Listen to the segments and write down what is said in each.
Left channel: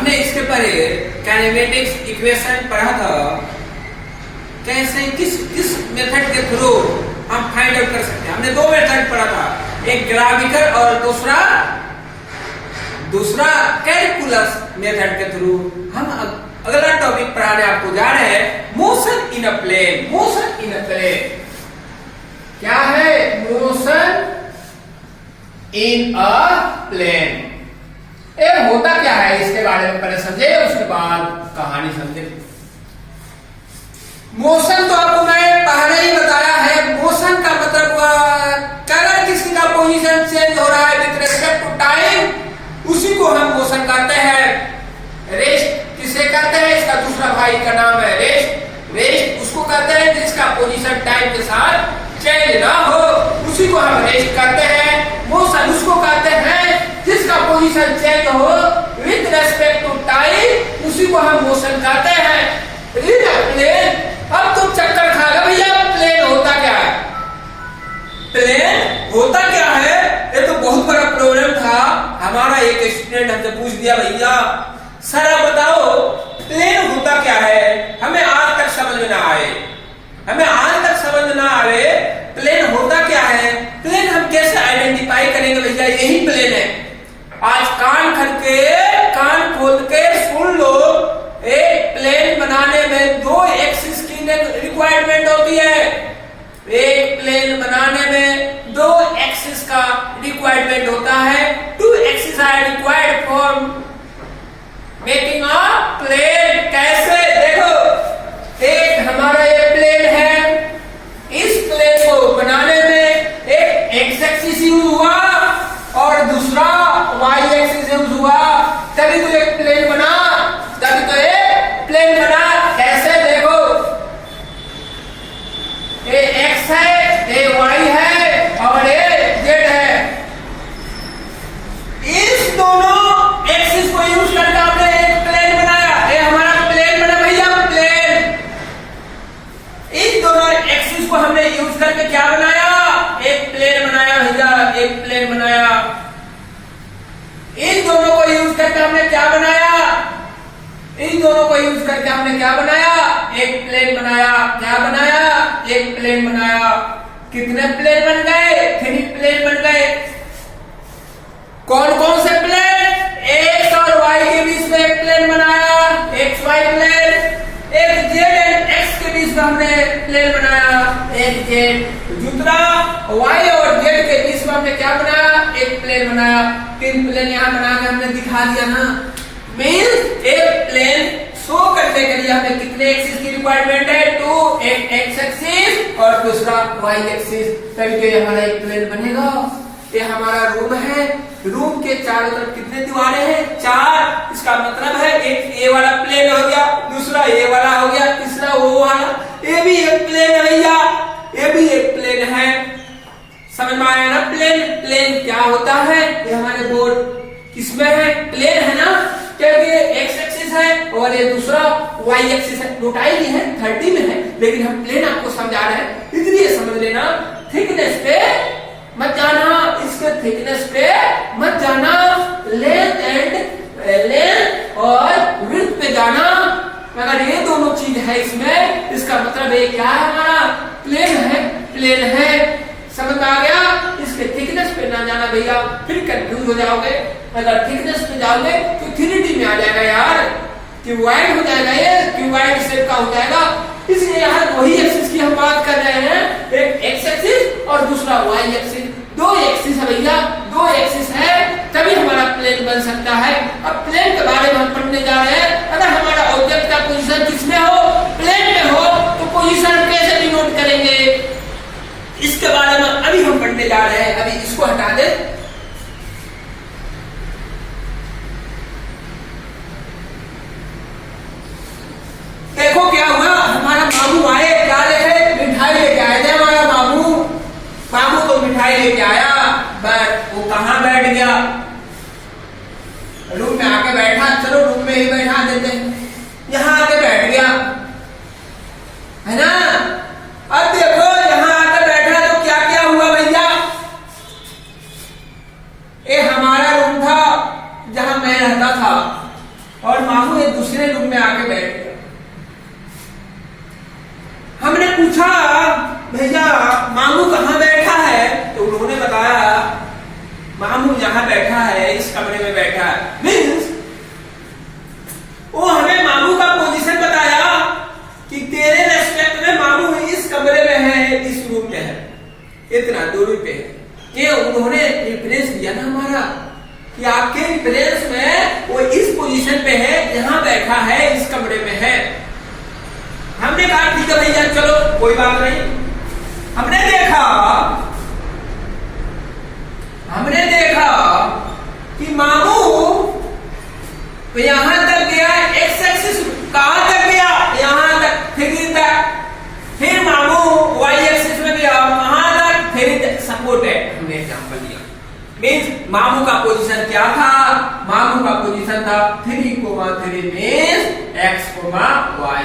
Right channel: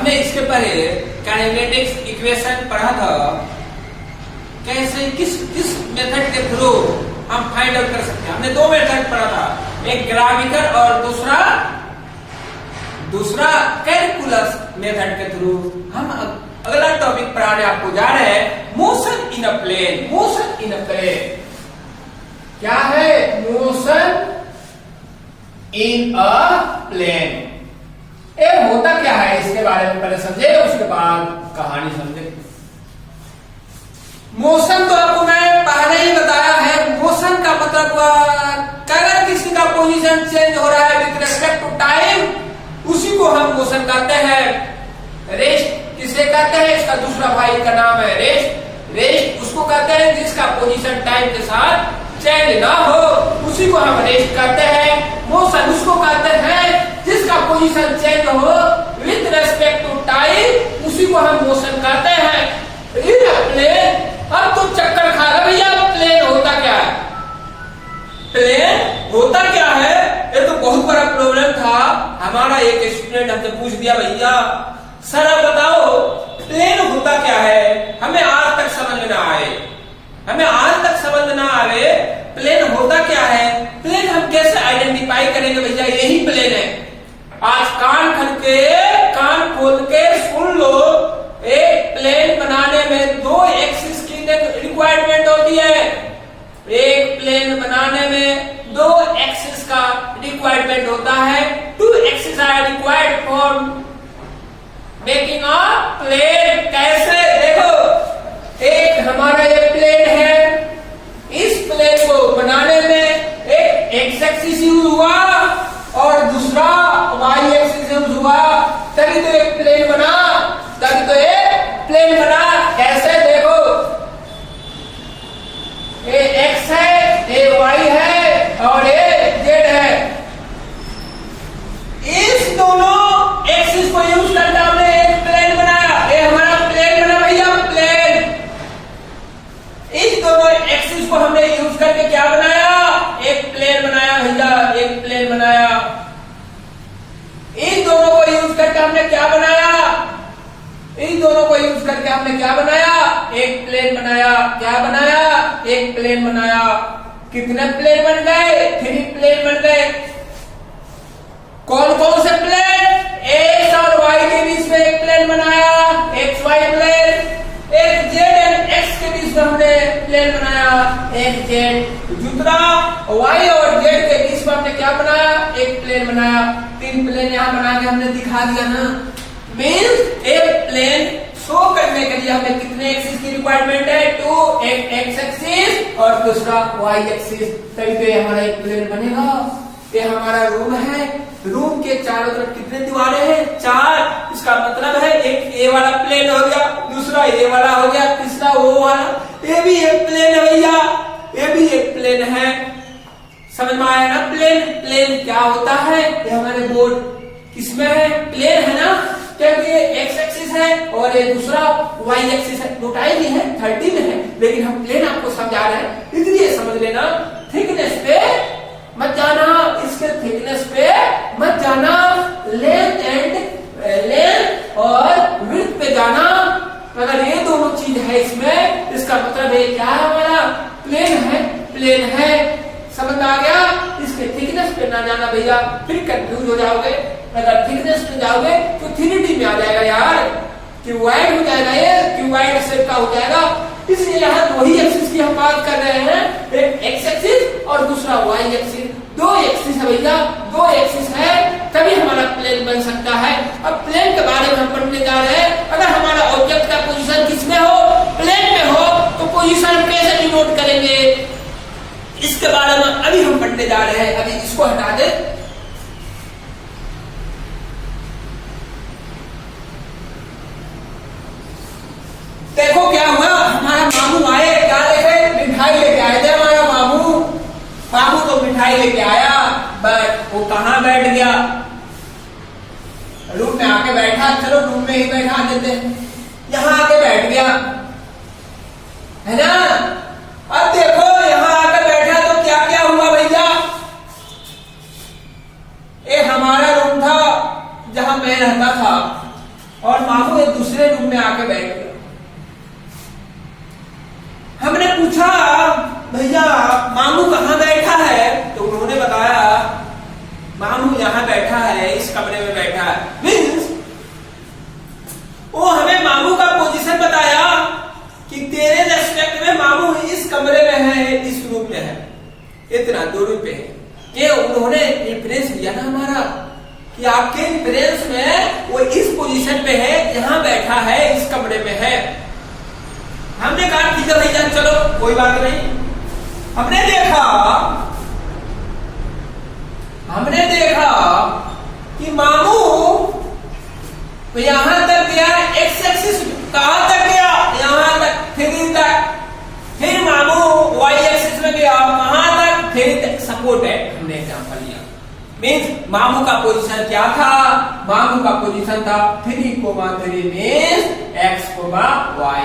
हमने इसके पहले काइनेमेटिक्स इक्वेशन पढ़ा था, कैसे किस मेथड के थ्रू हम फाइंड आउट कर सकते हैं। हमने दो मेथड पढ़ा था, एक ग्राविकल और दूसरा कैलकुलस मेथड के थ्रू। हम अगला टॉपिक पढ़ाने आपको जा रहे हैं, motion in a plane. Motion in a plane क्या है? Motion in a plane. ये होता क्या है इसके बारे में पहले समझे, उसके बाद कहानी समझे। मोशन तो आपको मैं पहले ही बताया है, मोशन का मतलब अगर किसी का पोजीशन चेंज हो रहा है विद रिस्पेक्ट टू टाइम, उसी को हम मोशन कहते हैं। रेस्ट किसे कहते हैं? इसका दूसरा भाई का नाम है रेस्ट। रेस्ट उसको कहते हैं जिसका पोजीशन टाइम के साथ चेंज ना हो, उसी को हम रेस्ट कहते हैं। मोशन उसको कहते हैं जिसका पोजीशन चेंज हो विद रिस्पेक्ट टू टाइम, उसी को हम मोशन कहते हैं। इन अ प्लेन, अब तुम चक्कर खा रहे भैया, प्लेन होता क्या है? प्लेन होता क्या है? ये तो बहुत बड़ा प्रॉब्लम था। हमारा एक स्टूडेंट हमसे पूछ दिया, भैया सर आप बताओ प्लेन होता क्या है? हमें आज तक समझ में ना आए, हमें आज तक समझ ना आवे प्लेन होता क्या है। प्लेन हम कैसे आइडेंटिफाई करेंगे भैया यही प्लेन है? आज कान खोल के सुन लो, एक प्लेन बनाने में दो एक्सिस की रिक्वायरमेंट होती है। एक प्लेन बनाने में दो एक्सिस का रिक्वायरमेंट होता है। Two axis are required for making a plane. कैसे? देखो, एक हमारा ये प्लेन है, इस प्लेन को बनाने में एक एक्स एक्सिस यूज हुआ और दूसरा वाई एक्सिस यूज हुआ, तभी तो एक प्लेन बना, तभी तो एक प्लेन बना। कैसे? देखो, ये एक्स है, ये वाई है और ये जेड है। इस दोनों एक्सिस को यूज करके हमने एक प्लेन बनाया। ये हमारा प्लेन बना भैया, प्लेन। इस दोनों एक्सिस को हमने यूज करके क्या बनाया? एक प्लेन बनाया भैया, एक प्लेन बनाया। इन दोनों को यूज करके हमने क्या बनाया? इन दोनों को यूज करके हमने क्या बनाया? एक प्लेन बनाया। क्या बनाया? एक प्लेन बनाया। कितने प्लेन बन गए? 3 प्लेन बन गए। कौन कौन से प्लेन? एक्स और वाई के बीच में एक प्लेन बनाया, एक्स वाई प्लेन। एक जेड एंड एक्स के बीच में हमने प्लेन बनाया, एक जेड। दूसरा वाई और जेड के बीच में हमने क्या बनाया? एक प्लेन बनाया। 3 प्लेन यहाँ बना के हमने दिखा दिया ना। मीन्स एक प्लेन शो करने के लिए हमें कितने एक्सिस की रिक्वायरमेंट है? 2, एक एक्स एक्सिस और दूसरा वाई एक्सिस, तभी तो हमारा एक प्लेन बनेगा। ये हमारा रूम है, रूम के चारों तरफ कितने दीवारें हैं? 4। इसका मतलब है एक ए वाला प्लेन हो गया, दूसरा ए वाला हो गया, तीसरा वो वाला। ये भी एक प्लेन है भैया, ये भी एक प्लेन है। समझ में आया ना? प्लेन क्या होता है? ये हमारे बोर्ड किसमें है? प्लेन है ना, क्योंकि ये एक्स एक्सिस है और ये दूसरा वाई एक्सिस है। नोटाई भी है, 30 में है, लेकिन हम प्लेन आपको समझा रहे हैं, इसलिए समझ लेना। थिकनेस पे मत जाना, इसके थिकनेस पे मत जाना, लेंथ और विड्थ पे जाना। अगर ये दोनों चीज है इसमें, इसका मतलब है क्या है? हमारा प्लेन है, प्लेन है। समझ में आ गया? इसके थिकनेस पे ना जाना भैया, फिर कंफ्यूज हो जाओगे। अगर थिकनेस पे जाओगे तो 3D में आ जाएगा यार, क्यूबॉइड हो जाएगा, ये क्यूबॉइड शेप का हो जाएगा। इसलिए यहाँ वही एक्सिस की हम बात कर रहे हैं, एक एक्स एक्सिस और दूसरा वाई एक्सिस। 2 एक्सिस है भैया, 2 एक्सिस है, तभी हमारा प्लेन बन सकता है। अब प्लेन के बारे में हम पढ़ने जा रहे हैं। अगर हमारा ऑब्जेक्ट का पोजीशन किसमें हो? प्लेन में हो, तो पोजीशन कैसे डिनोट करेंगे? इसके बारे में अभी हम पढ़ने जा रहे हैं। अभी इसको हटा दे। देखो क्या हुआ, हमारा मामू आए, क्या लेके? मिठाई लेके आए थे हमारा मामू। मामू तो मिठाई लेके आया, बट वो कहाँ बैठ गया? रूम में आके बैठा। चलो रूम में ही बैठा देते, यहाँ आके बैठ गया, है ना? अब देखो यहाँ आके बैठा तो क्या क्या हुआ भैया? ये हमारा रूम था जहां मैं रहता था, और भैया मामू कहाँ बैठा है, तो उन्होंने बताया मामू यहाँ बैठा है, इस कमरे में बैठा है। मीन्स वो हमें मामू का पोजीशन बताया कि तेरे रेस्पेक्ट में मामू इस कमरे में है, इस रूम में है, इतना दूरी पे है। ये उन्होंने रेफरेंस दिया ना हमारा कि आपके रेफरेंस में वो इस पोजीशन पे है, यहाँ बैठा है, इस कमरे में है। हमने कहा ठीक है भैया चलो कोई बात नहीं। हमने देखा कि मामू तो यहां तक गया, एक्स एक्सिस कहां तक गया, यहां तक, 3 तक। फिर मामू वाई एक्सिस में गया वहां तक, 3 तक। सपोर्ट है, हमने एग्जांपल लिया। मीन्स मामू का पोजीशन क्या था, मामू का पोजीशन था 3,3 मीन्स x,y।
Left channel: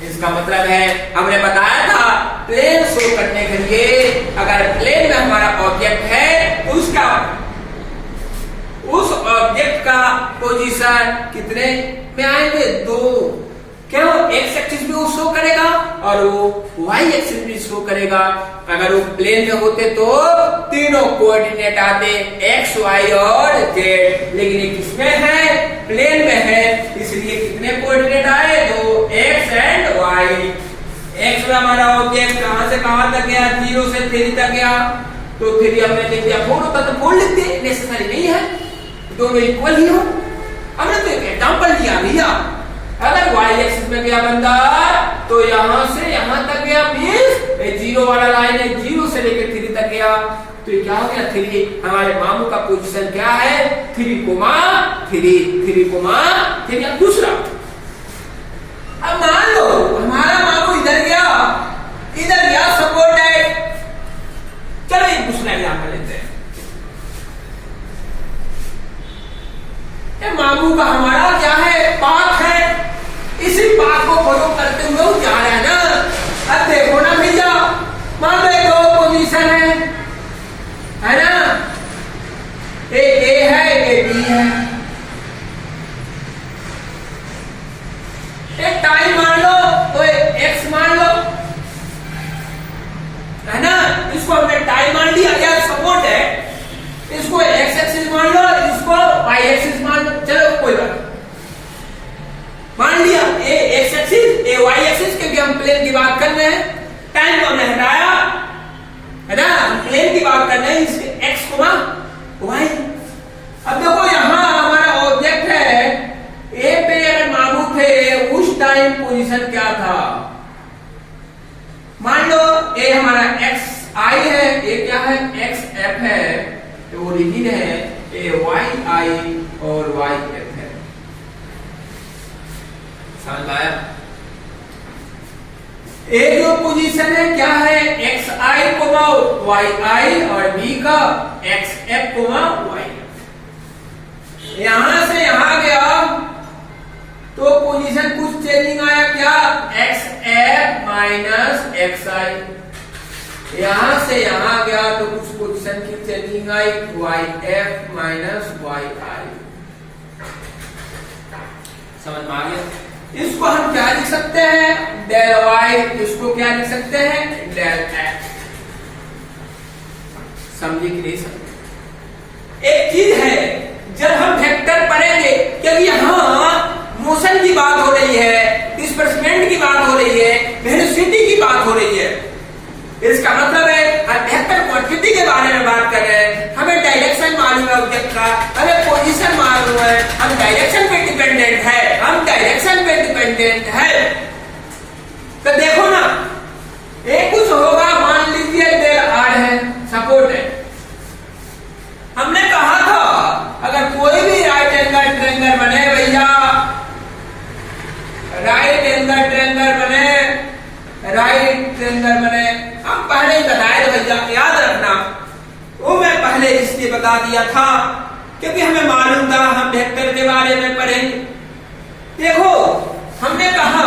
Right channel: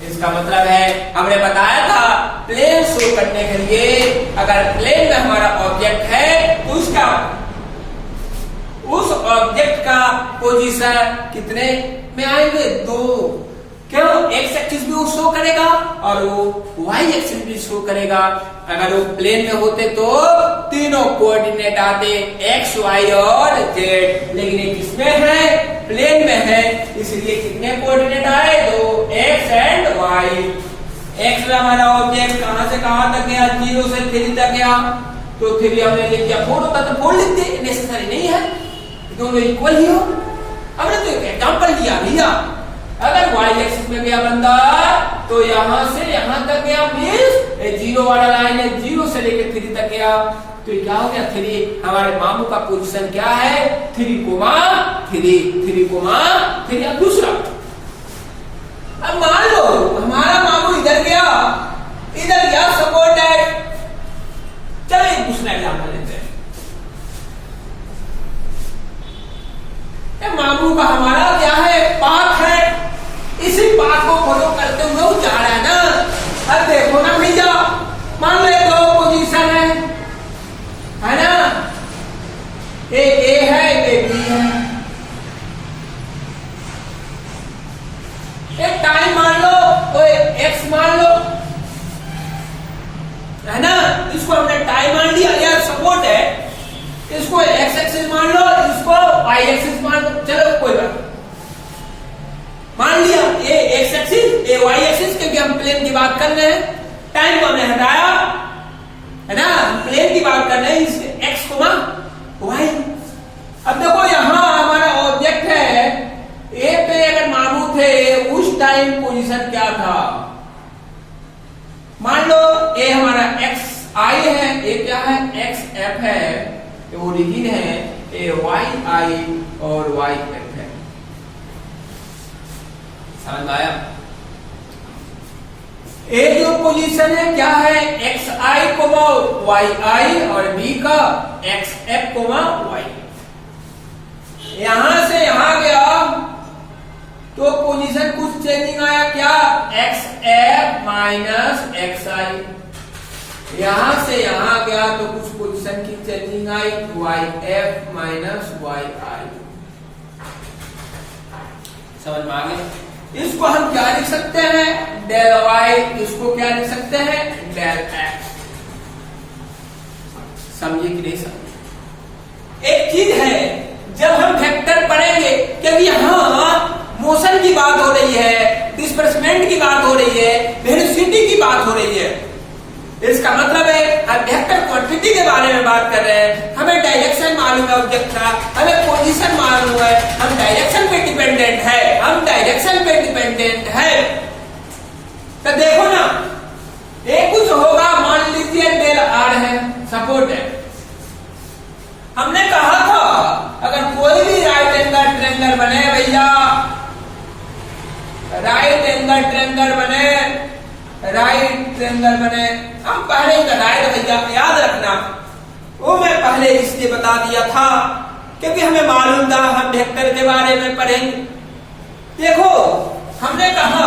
इसका मतलब है हमने बताया था प्लेन शो करने के लिए अगर प्लेन में हमारा ऑब्जेक्ट है तो उस ऑब्जेक्ट का पोजीशन कितने में आएंगे, 2। क्यों, एक्स एक्सिस भी वो शो करेगा और वो वाई एक्सिस भी शो करेगा। अगर वो प्लेन में होते तो तीनों कोऑर्डिनेट आते, एक्स वाई और जेड। लेकिन ये किसमें है, प्लेन में है, इसलिए कितने कोऑर्डिनेट आए, 2, एक्स एंड वाई। एक्स में हमारा ऑब्जेक्ट कहां से कहां तक गया, 0 से 3 तक गया, तो 3 हमने लिख दिया, 4 होता तो 4 लिख दिए, नेसेसरी नहीं है, दोनों इक्वल ही हो। हमने तो एक एग्जांपल दिया भैया, अगर वाई एक्सिस में गया बंदा तो यहां से यहां तक गया, मीन्स 0 वाला लाइन है, 0 से लेकर 3 तक गया, तो ये क्या हो गया, 3। हमारे मामू का पोजीशन क्या है, 3,3 अब दूसरा। अब मान लो हमारा मामू इधर गया सपोर्ट है। चलो एक दूसरा एग्जांपल लेते हैं। मामू का हमारा क्या है, पाथ है, इसी पाथ को फॉलो करते हुए वो जा रहा है ना। अब देखो ना भैया, मान लो 2 पोजीशन है ना, एक ए है एक बी है। एक टाइम मान लो तो एक्स मान लो, है ना, इसको हमने टाइम मान लिया, यार सपोर्ट है, इसको एक्स एक्सिस मान लो, इसको वाई एक्सिस मान लो। चलो कोई बात, मान लिया ए एक्स एक्सिस ए वाई एक्सिस, क्योंकि हम प्लेन की बात कर रहे हैं, टाइम को हमने हटाया, है ना, हम प्लेन की बात कर रहे हैं, इसके एक्स को वाई। अब देखो यहां हमारा ऑब्जेक्ट है, ए पे अगर मामू थे उस टाइम पोजीशन क्या था, मान लो ए हमारा एक्स आई है, ए क्या है, एक्स एफ है, तो ओरिजिन है, ए वाई आई और वाई एफ है। समझ आया? ए जो पोजीशन है क्या है, एक्स आई को वाई आई और बी का एक्स एफ को वाई। यहां से यहां गया तो पोजीशन कुछ चेंजिंग आया, क्या, एक्स एफ माइनस एक्स आई। यहां से यहां गया तो कुछ पोजीशन की चेंजिंग आई, वाई एफ माइनस वाई आई। समझ में आ गया? इसको हम क्या लिख सकते हैं, डेल वाई, इसको क्या लिख सकते हैं, डेल एक्स। समझे कि नहीं समझे? एक चीज है, जब हम वेक्टर पढ़ेंगे, क्योंकि यहां मोशन की बात हो रही है, डिस्प्लेसमेंट की बात हो रही है, वेलोसिटी की बात हो रही है, इसका मतलब है हम वेक्टर क्वांटिटी के बारे में बात कर रहे हैं, हमें डायरेक्शन मालूम है ऑब्जेक्ट का, हमें पोजीशन मालूम है, हम डायरेक्शन पे डिपेंडेंट है, तो देखो ना, एक कुछ होगा, मान लीजिए डेल आर है, सपोर्ट है। हमने कहा था अगर कोई भी राइट एंगल ट्रायंगल बने भैया, राइट एंगल ट्रायंगल बने, हम पहले ही बताए थे भैया, याद रखना, वो मैं पहले इसलिए बता दिया था क्योंकि हमें मालूम था हम वेक्टर के बारे में पढ़ेंगे। देखो हमने कहा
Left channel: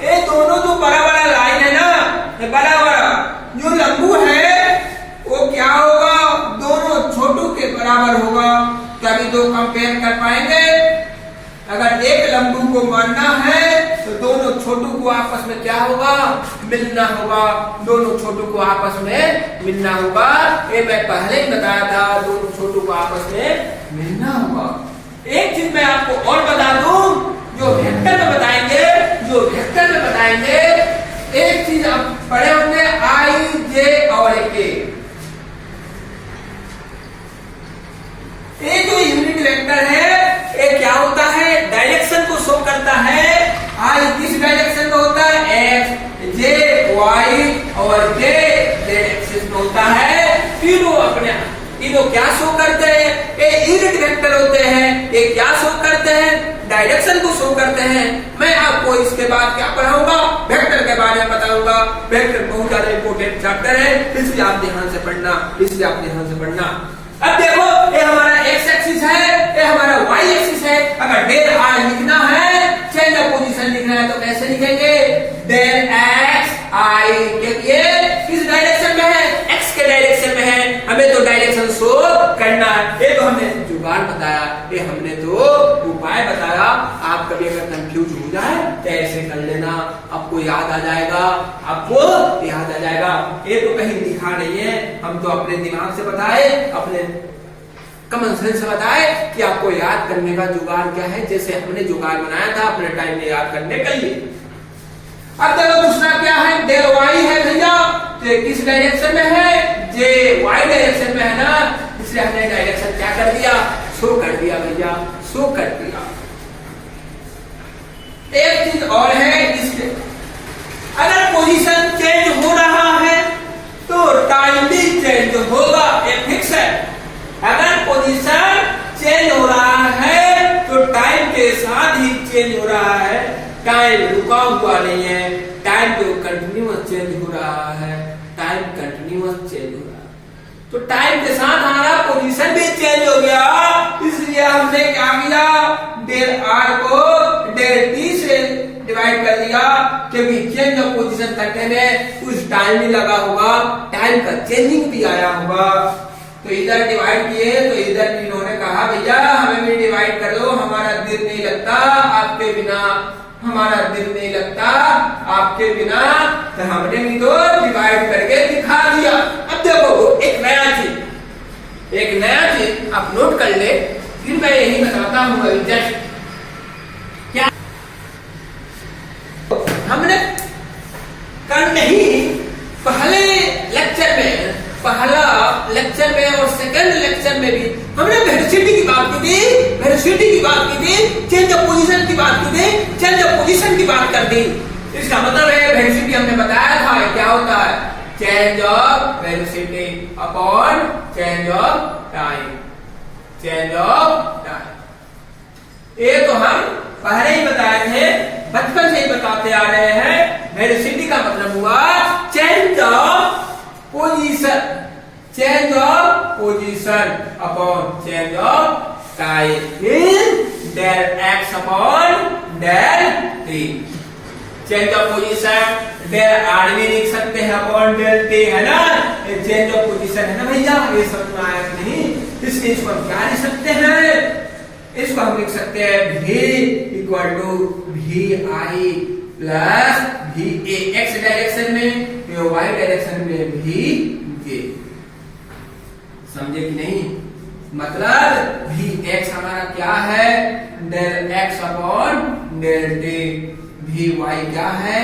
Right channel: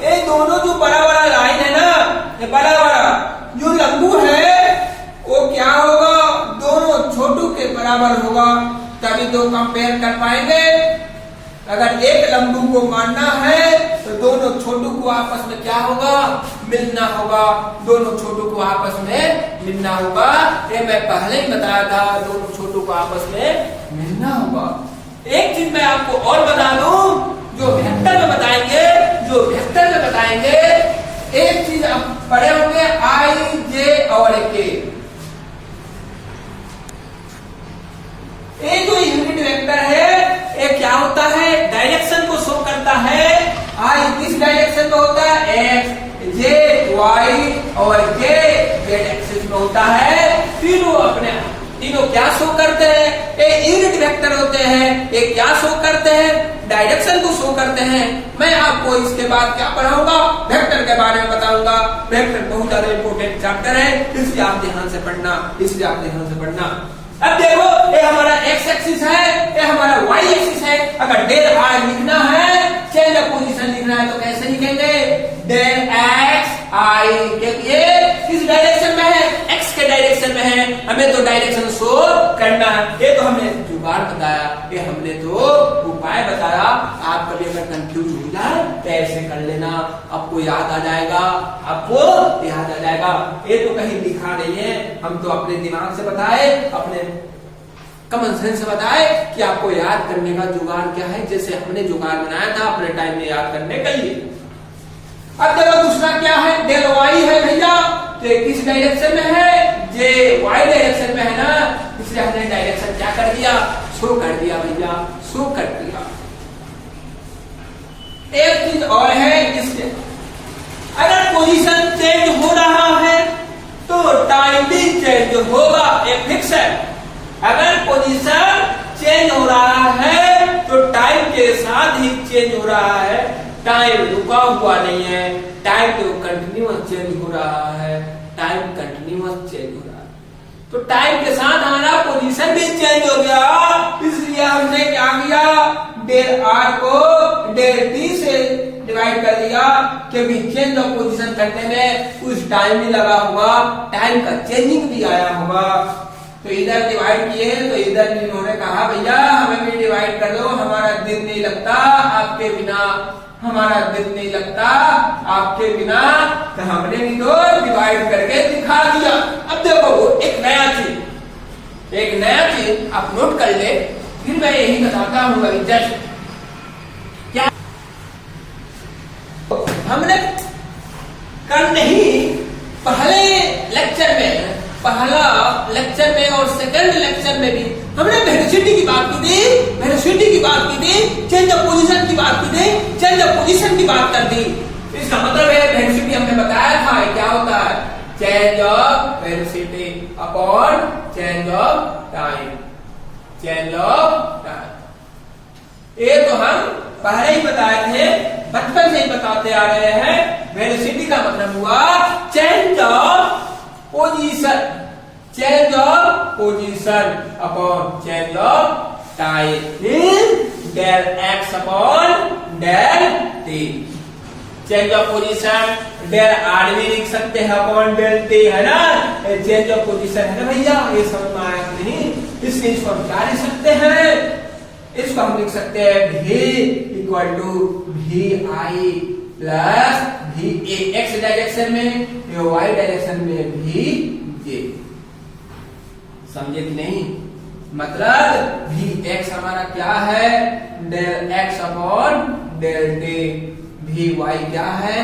ये दोनों जो बड़ा बड़ा लाइन है ना, ये बड़ा बड़ा जो लंबू है वो क्या होगा, दोनों छोटू के बराबर होगा, तभी दो कंपेयर कर पाएंगे। अगर एक लंबू को मानना है तो दोनों छोटू को आपस में क्या होगा, मिलना होगा, दोनों छोटों को आपस में मिलना होगा। ये मैं पहले ही बताया था, दोनों छोटों को आपस में मिलना होगा। एक चीज मैं आपको और बता दूं, जो वेक्टर में बताएंगे, एक चीज आप पढ़े होंगे आई जे और के। ये जो यूनिट वेक्टर है ये क्या होता है, डायरेक्शन को शो करता है। आई किस डायरेक्शन में होता है, एक्स, जे, वाई और जे जेड एक्सिस में होता है। तीनों क्या शो करते हैं, ये यूनिट वेक्टर होते हैं। ये क्या शो करते हैं, डायरेक्शन को शो करते हैं। मैं आपको इसके बाद क्या पढ़ाऊंगा, वेक्टर के बारे में बताऊंगा। वेक्टर बहुत ज्यादा इंपोर्टेंट चैप्टर है, इसलिए आप ध्यान से पढ़ना। अब देखो, ये हमारा एक्स एक्सिस है, ये हमारा वाई एक्सिस है। अगर डेल आर लिखना है, चेंज ऑफ पोजीशन लिखना है, तो कैसे लिखेंगे, डेल एक्स आई के लिए किस डायरेक्शन में है, एक्स के डायरेक्शन में है। हमें तो डायरेक्शन शो करना है। ये तो हमने जुगाड़ बताया, ये हमने तो उपाय बताया। आप कभी अगर कंफ्यूज हो जाए तो ऐसे कर लेना, आपको याद आ जाएगा। ये तो कहीं लिखा नहीं है, हम तो अपने दिमाग से बताए, अपने कॉमन सेंस से बताए कि आपको याद करने का जुगाड़ क्या है, जैसे हमने जुगाड़ बनाया था अपने टाइम में याद करने के लिए। अब देखो दूसरा क्या है, डेल वाई है भैया, तो किस डायरेक्शन में है, जे वाई डायरेक्शन में है ना, इसलिए हमने डायरेक्शन क्या कर दिया, शो कर दिया भैया, शो कर दिया। एक चीज और है, इसके अगर पोजीशन चेंज हो रहा है तो टाइम भी चेंज होगा, ये फिक्स है। अगर पोजीशन चेंज हो रहा है तो टाइम के साथ ही चेंज हो रहा है, टाइम रुका हुआ नहीं है, टाइम तो कंटिन्यूअस चेंज हो रहा है, तो टाइम के साथ हमारा पोजीशन भी चेंज हो गया। इसलिए हमने क्या किया, डेल आर को डेल टी से डिवाइड कर दिया, क्योंकि चेंज ऑफ पोजीशन करने में कुछ टाइम भी लगा होगा, टाइम का चेंजिंग भी आया होगा। तो इधर डिवाइड किए, तो इधर इन्होंने कहा भैया हमें भी डिवाइड कर दो, हमारा दिल नहीं लगता आपके बिना, तो हमने भी तो डिवाइड करके दिखा दिया। अब देखो एक नया चीज आप नोट कर ले, फिर मैं यही बताता हूँ। जस्ट क्या हमने कल नहीं, पहला लेक्चर में और सेकंड लेक्चर में भी हमने वेलोसिटी की बात की थी, चेंज ऑफ पोजीशन की बात की थी, चेंज ऑफ पोजीशन की बात कर दी। इसका मतलब है वेलोसिटी हमने बताया था क्या होता है, change of velocity upon change of time. ये तो हम पहले ही बताए थे, बचपन से ही बताते आ रहे हैं। वेलोसिटी का मतलब हुआ change of position upon change of time in del x upon del t. Change of position del r भी लिख सकते हैं अपॉन डेल टी, है ना, चेंज ऑफ पोजीशन है ना भैया, ये समझ में आया कि नहीं। इसलिए इसको हम क्या लिख सकते हैं, इसको हम लिख सकते हैं v equal to v i plus v a x direction में, वाई डायरेक्शन में वी जे। समझे कि नहीं, मतलब वी एक्स हमारा क्या है, del x upon del t, v y क्या है,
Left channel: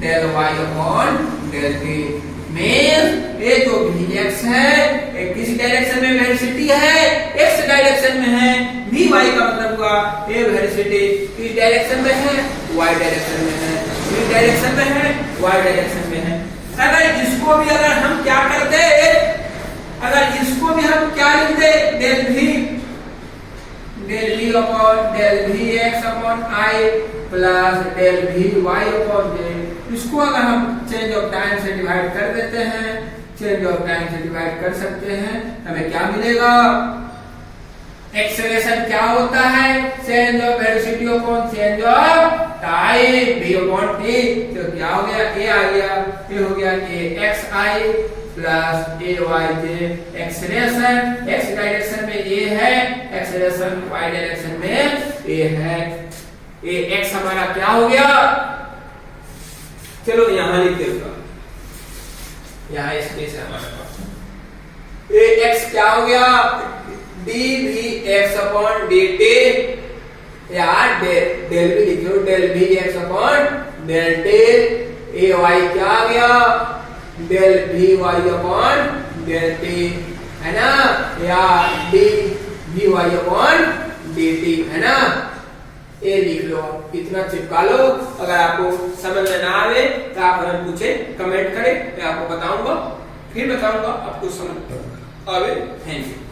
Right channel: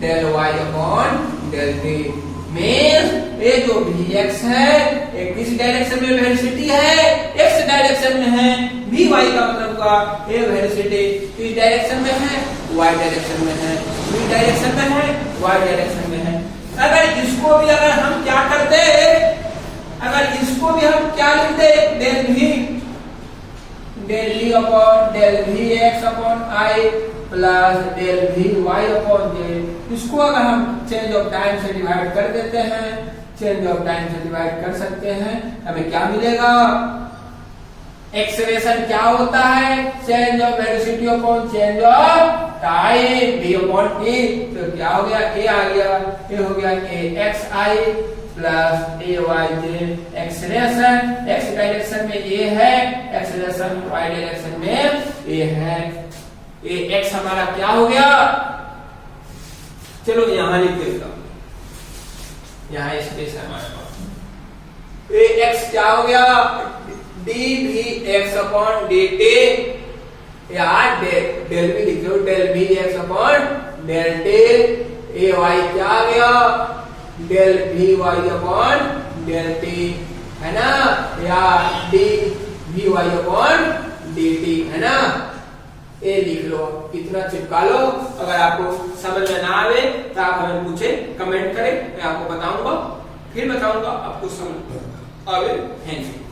del y upon del t. ये जो वी एक्स है ये किस डायरेक्शन में वेलोसिटी है, एक्स डायरेक्शन में है। वी वाई का मतलब हुआ ये वेलोसिटी इस डायरेक्शन में है, वाई डायरेक्शन में है, वी डायरेक्शन में है, वाई डायरेक्शन में है। अगर इसको भी अगर हम क्या करते, अगर इसको भी हम क्या लिखते, del V upon del V X upon I plus del V Y upon J. इसको अगर हम चेंज ऑफ टाइम से डिवाइड कर देते हैं, कर सकते हैं, हमें क्या मिलेगा, एक्सेलरेशन क्या होता है, change of velocity upon change of time v upon t। तो क्या हो गया, a आ गया, ये हो गया a x i plus a y j। Acceleration x direction में ये है, एक्सेलरेशन y डायरेक्शन में ये है। a x हमारा क्या हो गया, चलो यहां लिख देता, यहां स्पेस है हमारे पास। ये x क्या हो गया, dvx अपॉन dt, यार डेल भी लिखो, del vx upon del t। A y क्या आ गया, del vy upon del t, है ना, या dvy अपॉन dt, है ना। ये लिख लो, इतना चिपका लो। अगर आपको समझ में ना आवे तो आप हमें पूछे, कमेंट करें, मैं आपको बताऊंगा, फिर बताऊंगा, आपको समझ आवे। Thank you.